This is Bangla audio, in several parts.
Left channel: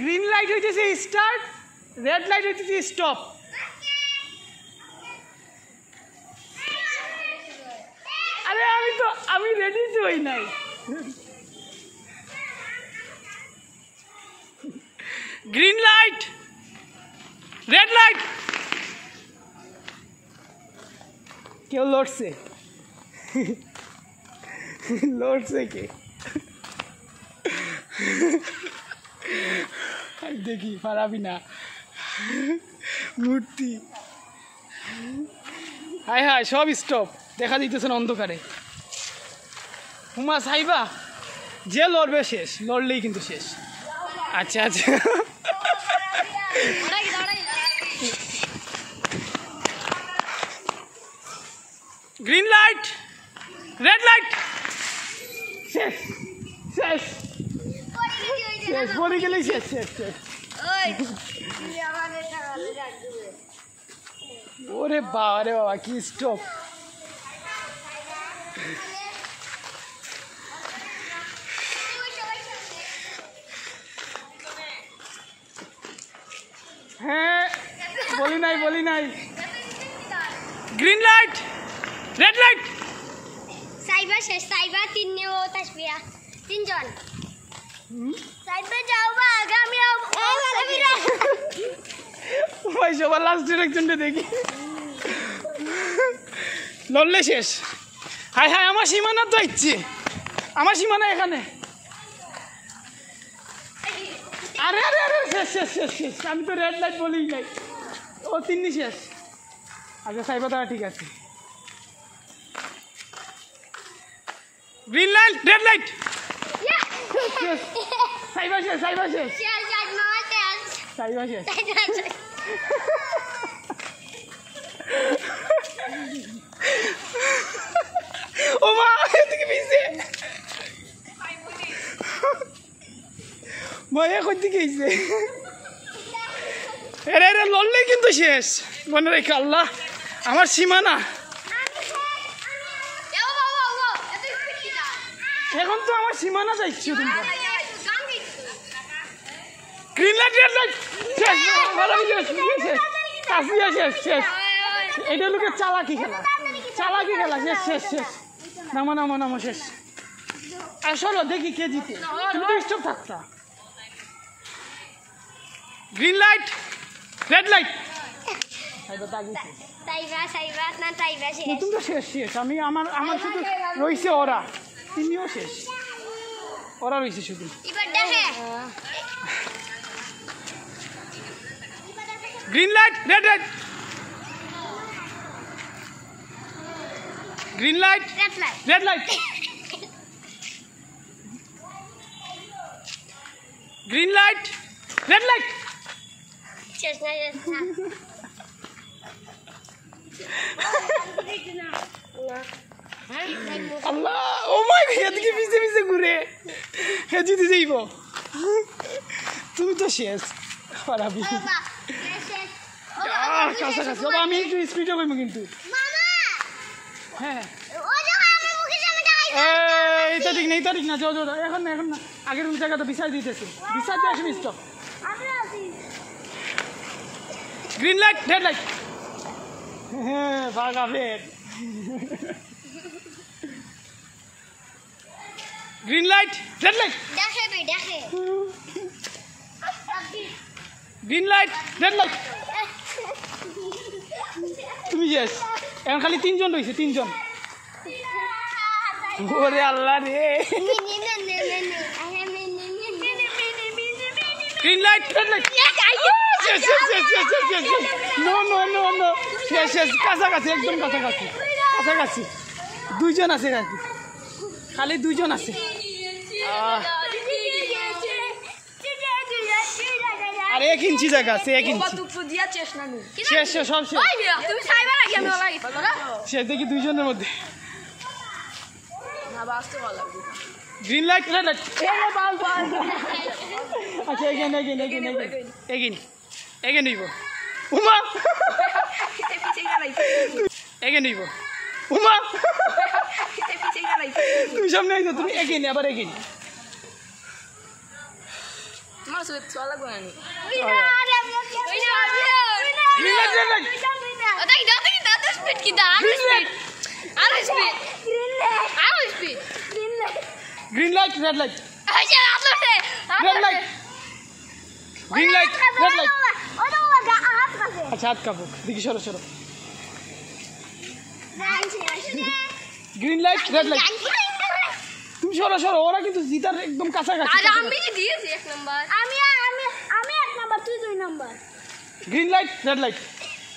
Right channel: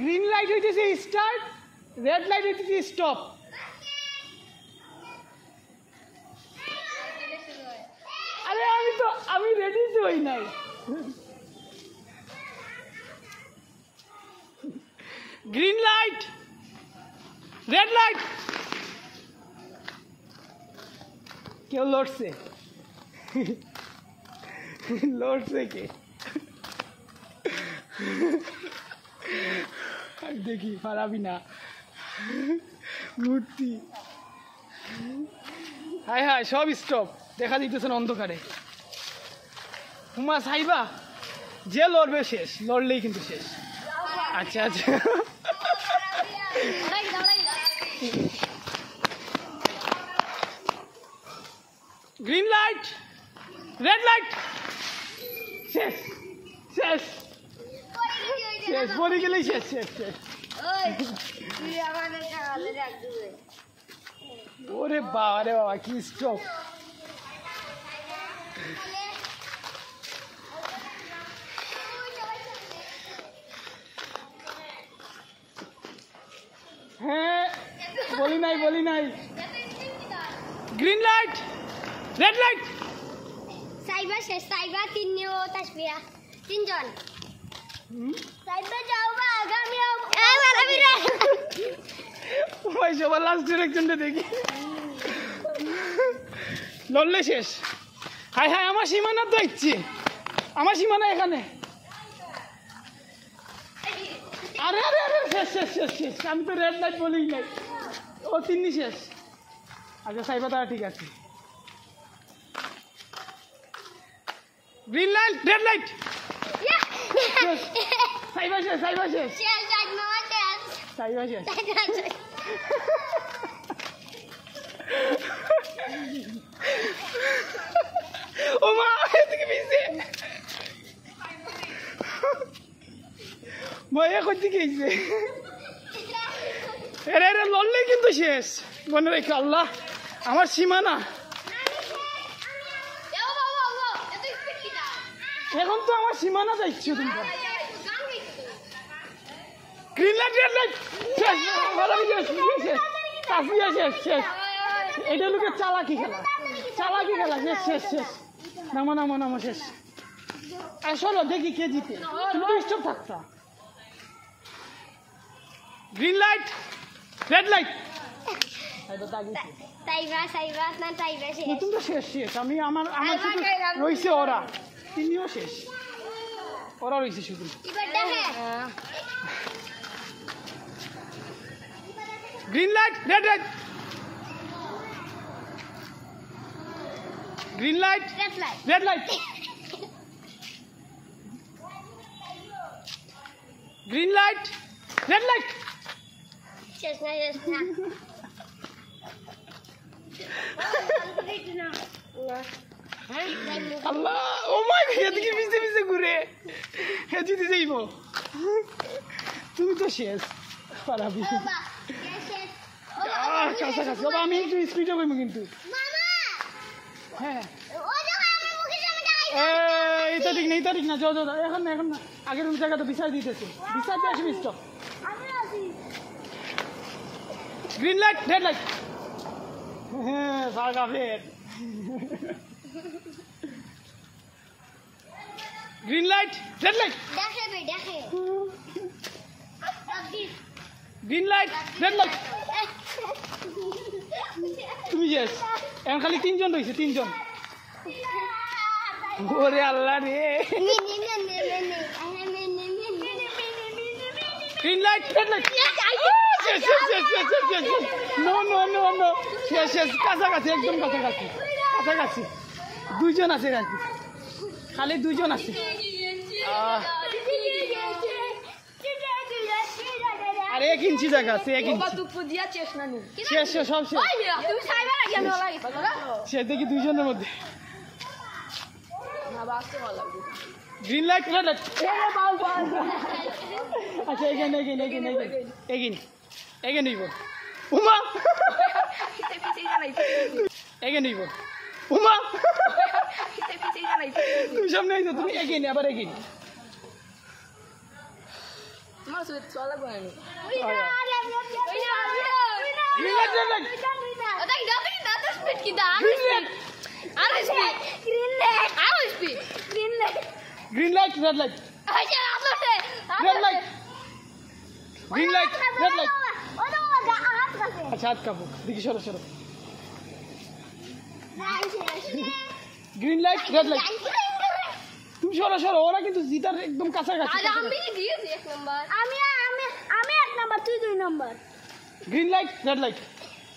গ্রিন লাইট হইতেছে স্টার্ট, রেড লাইট হইতেছে স্টপ। আরে আমি রেডি তো হই নাই। Green light, red light. কেউ লড়ছে? লড়ছে কে? দেখি পারাবি না মূর্তি। হায় হায়, সব স্টপ, দেখা দিতেছে না অন্ধকারে। হুমা সাইবা, যে লড়বে শেষ, লড়লেই কিন্তু শেষ। আচ্ছা আচ্ছা, গ্রিন লাইট, রেড লাইট। শেষ শেষ শেষ, বলে গেলেই শেষ শেষ শেষ। ওরে বাবা কি স্টপ। হ্যাঁ, বলি নাই। Green light, red light. সাইবা শেষ, সাইবা তিনজন। সাইবা যাও বা আগামী ওই সবার লাস্টের একজনটা দেখি লড়লে শেষ। হায় হায়, আমার সীমানা তো ইচ্ছে, আমার সীমানা এখানে। আরে আরে আরে, শেষ শেষ শেষ শেষ। আমি তো রেড লাইট বলি নাই, ও তিন্নি শেষ। আচ্ছা সাইবা তারা ঠিক আছে। Green light, red light. সাইবা শেষ, সাইবা শেষ, সাইবা শেষ। ও মা, এদিকে পিছে মায়া করতে গেছে। এরে এরে, লড়লেই কিন্তু শেষ। মনে রেখে আল্লাহ, আমার সীমানা। এখন তো আমার সীমানা যাইছো তোমরা। Green light, red light. শেষ, শেষ শেষ। এটা লোকের চালাকি খেলা, চালাকি খেলা। শেষ শেষ শেষ। নামো শেষ। আসলে দেখি কে জিতে, তুমি স্টপ থাকতা। Green light, red light. তুমি তো শেষ শেষ। আমার শুধু রয়েছে ওরা, তিনিও শেষ। ওরা রয়েছে শুধু। Green light, red light. Green light, red light. Green light, red light. আল্লাহ, ও মাই গড, এদিকে পিছে পিছে ঘুরে হে জিতে যাইব। তুমি তো শেষ, পারাবি। কাছাকাছি, আমি একটু স্পিডে করবো কিন্তু। হ্যাঁ, এটা ঠিক না, যাও এখন না। আগের ওই জায়গাটা বিচার দিতেছে, বিচার দিয়ে আসবি। Stop. Green light, red light. হ্যাঁ, ভাগাবেন। Green light, red light. Green light, red light. তুমি শেষ। এখন খালি তিনজন রয়েছে, তিনজন। ওরে আল্লাহ রে। Green light, red light. শেষ, কাছাকাছি, একদম কাছাকাছি। দুইজন আছে, খালি দুইজন আছে। আর 1 ইঞ্চি জায়গা আছে, 1 ইঞ্চি। শেষ সব শেষ। শেষ দেখি দুইজনের মধ্যে। Green light, red light. আচ্ছা, এগেন হইব। উমা এগেন হইব। উমা তুমি সামনে আইছো, তুমি এগেন, আবার এগেন। মাসুদ চলা লাগবে না ওটাই দাও স্পিড কি দা আর speed green light red light আচ্ছা আপনি red light green light red light ওটা হাত কাছে আচ্ছা হাত কাপো দেখি সরো গ্রিন লাইট রেড লাইট তুমি সরো ওরা কিন্তু জিতার একদম কাছাকাছি আরে আমি কি দিয়েছি এক নাম্বার আমি এক নাম্বার তুই 2 number green light red light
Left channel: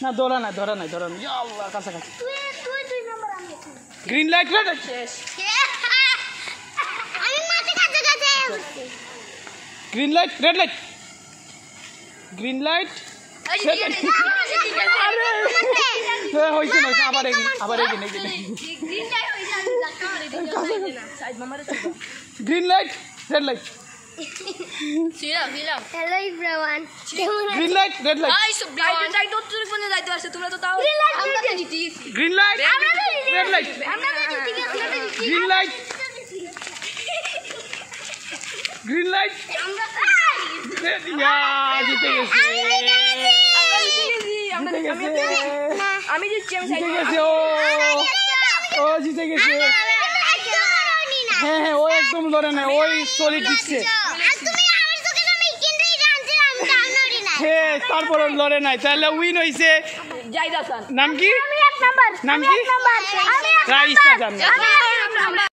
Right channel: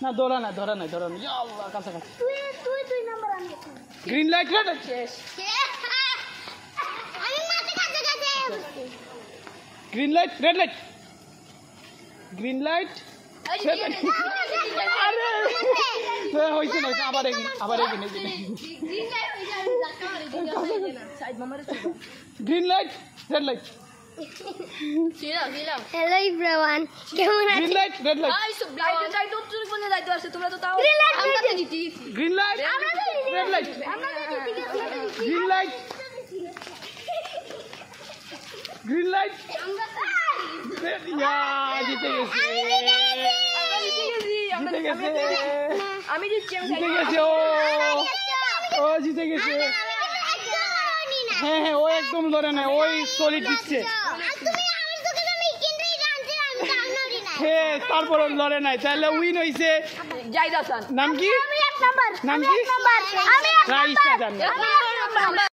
না ধরা নাই ইয়া আল্লাহ কাছাকাছি তুই 2 নাম্বার আমি গ্রিন লাইট রেড লাইট শেষ আমি মাঠে কাছে উঠছি green light red light green light হয়েছে না আবার এগিয়ে গ্রিন লাইট হই যাবে ধাক্কা মারে দিও সাইড মামারে ছিল গ্রিন লাইট রেড লাইট ছিলাম হ্যালো এভরিওয়ান কেমন green light red light I সব যাই তো তোর কোনে যাইতে আসে তোমরা তো তাও আমরা তো জিতে গেছি গ্রিন লাইট রেড লাইট আমরা তো জিতে গেছি গ্রিন লাইট গ্রিন লাইট জিতে গেছে আমি জিতছি আমি জিতে গেছে ও জিতে গেছে হ্যাঁ ও একদম লড়ে না ওই সলিড দিচ্ছে হ্যাঁ তারপর লড়ে নাই তাহলে উইন হয়েছে যাই দাসান নাম কি আমি এক নাম্বার নাম কি আমি রাইসা জান এক নাম্বার